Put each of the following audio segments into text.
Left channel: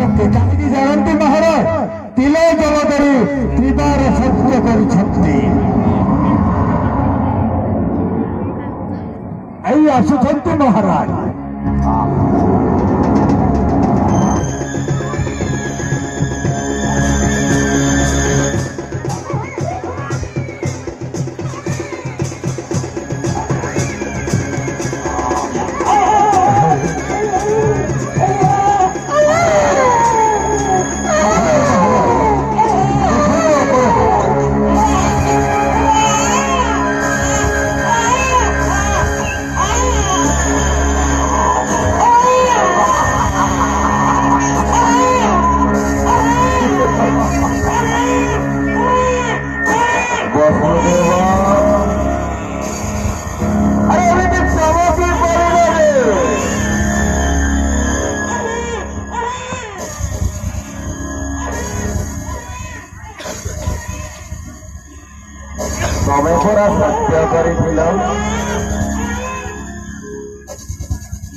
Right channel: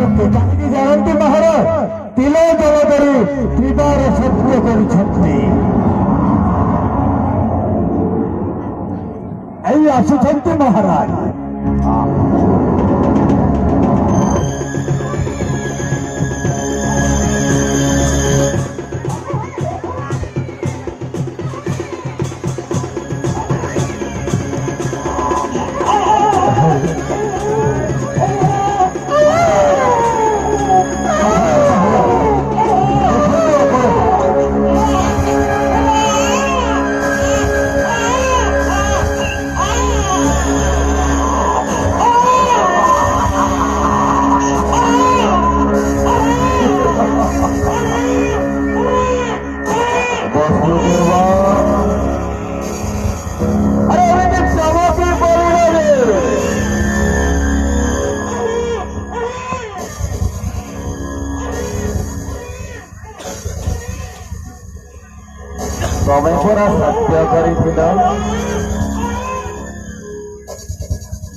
সত্য কাহিনী জানতে মহারাজ তিলে জল করে ত্রিবার সত্য করছন্তি এই আসুছন্তি মহারাজ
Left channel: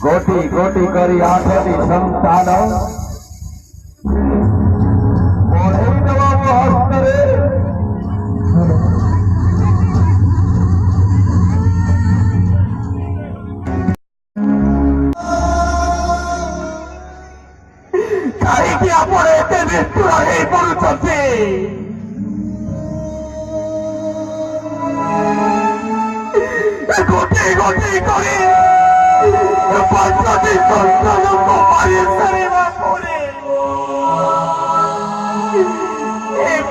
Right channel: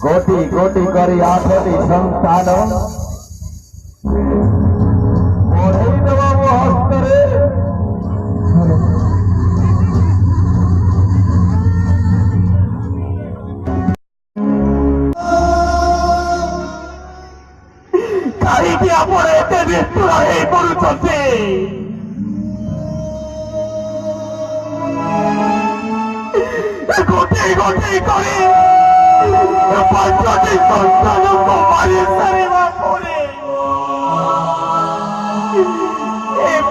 गोटी गोटी करी आठटी संतान हस्तरे कहीं अपने बोलते गोटी गोटी करी पंचटी संतान को मारे शरीर पड़े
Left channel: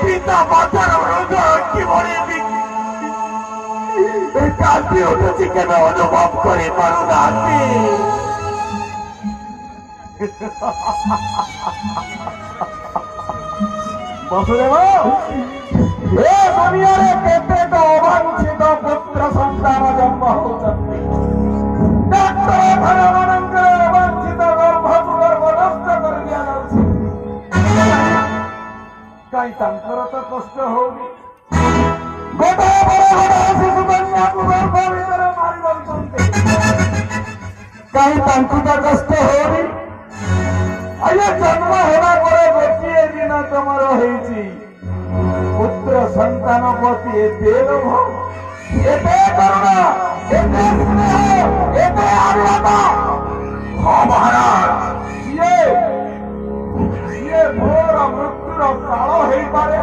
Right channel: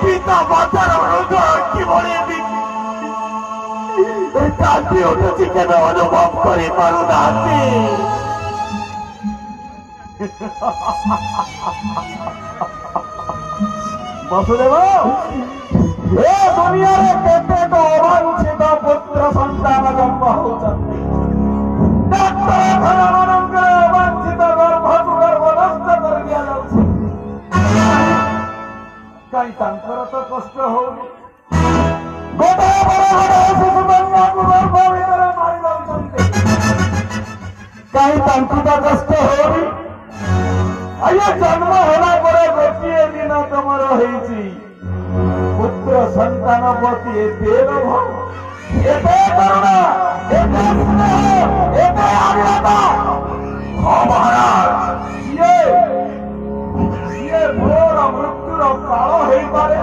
पिता मातार हृदय की भरी कांति उठे केन अनुभव कर पारुना बसुदेव दुनिया केते तो अवांछित पुत्र संतान जन्म होती कहीं तो कष्ट हो कहीं कष्ट हो जन्म होला गोटे दिन तुमर पुत्र संतान प्रति देव करुणा घोर मृत्युर काल हो पारे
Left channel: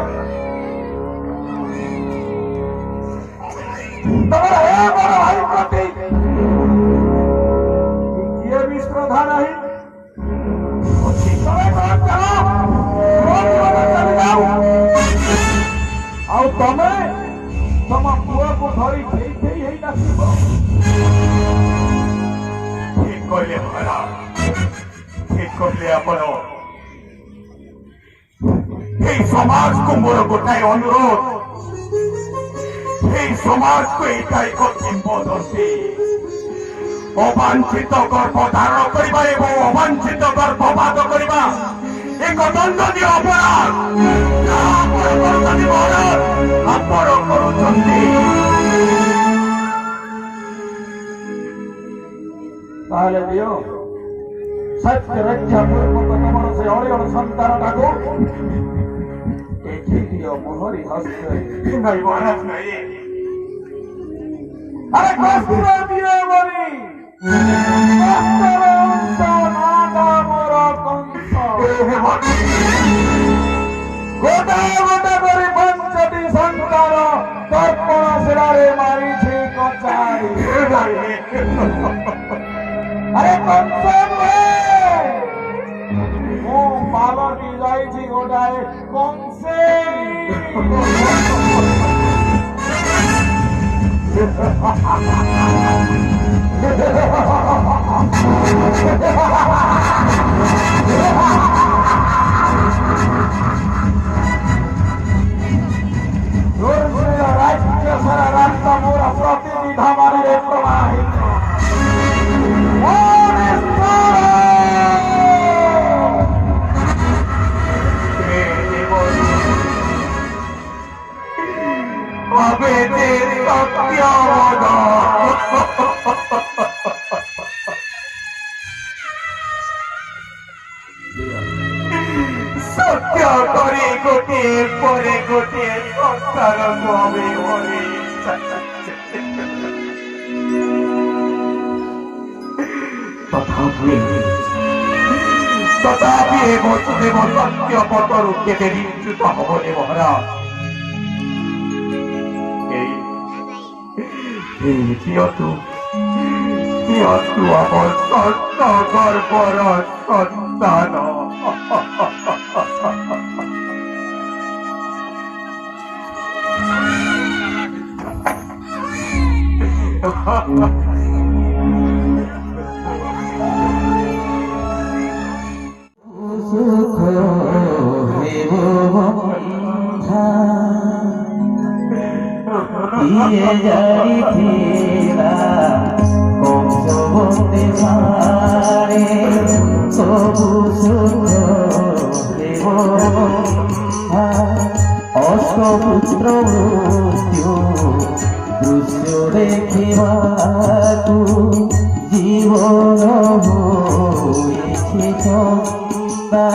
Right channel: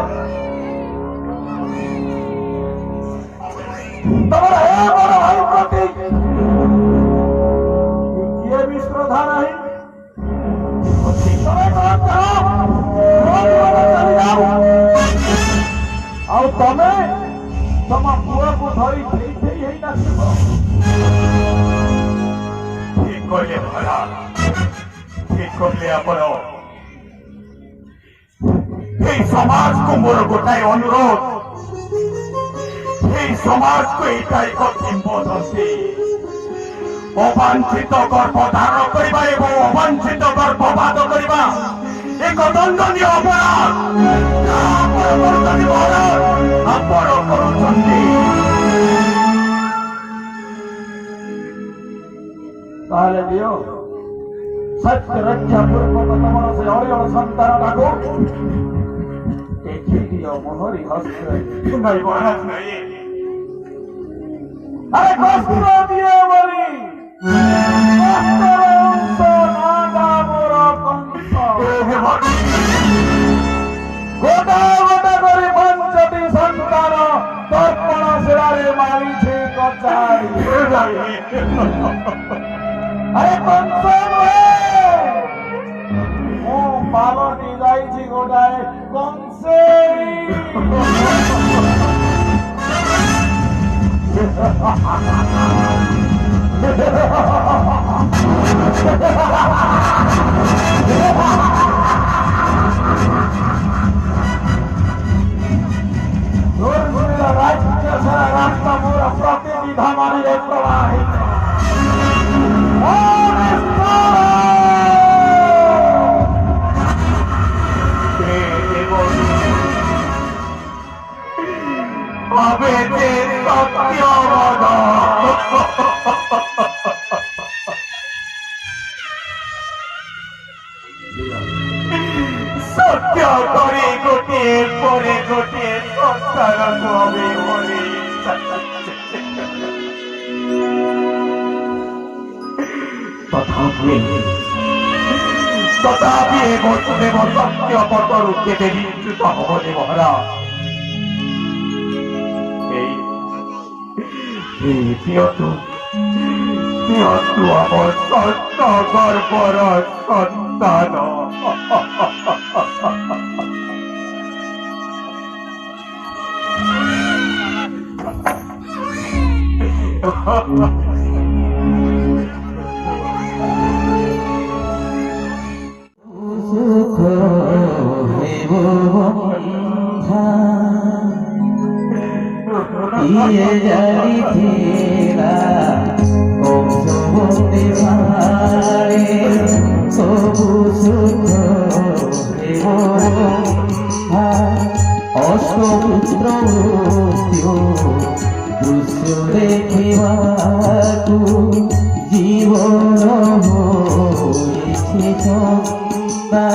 भाई प्रति किए भी श्रद्धा नहीं तमें तुम पुआ को धरी ठीक कहले महाराज ठीक कहले आपण समाज को मोर गोटाए अनुरोध समाज को एटा एक किंबदंती अवांछित गर्भ धारण करने और अवांछित गर्भपात करने एक दंडनीय अपराध आपण करुछंती ताले दियो सत्य रक्षा पूर्ण से अयण संतान को मोहरी हस्त नहीं महाराज नहीं अरे कष्ट दिए बोली गोटा गोटा कर पंचटी संतान तर्पण सेवारे मारी छे कचाई अरे कंसन मो पावनी जाई छी गोटाए कंसे रास्ता मोरा प्रतिनिधा मारे प्रवाहित সন্তানକୁ আমি হরেই তথাপি এ বসুদেব সত্য পটরু কেটে বিচ্যুত হবনে মহারাজ। এই দিয়তু আমার সত্য গর্বর সন্তান। অষ্টপুত্র দৃশ্য দেখিবাকু জীবন হয়েছে চন্দা।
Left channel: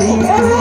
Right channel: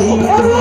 Thank you.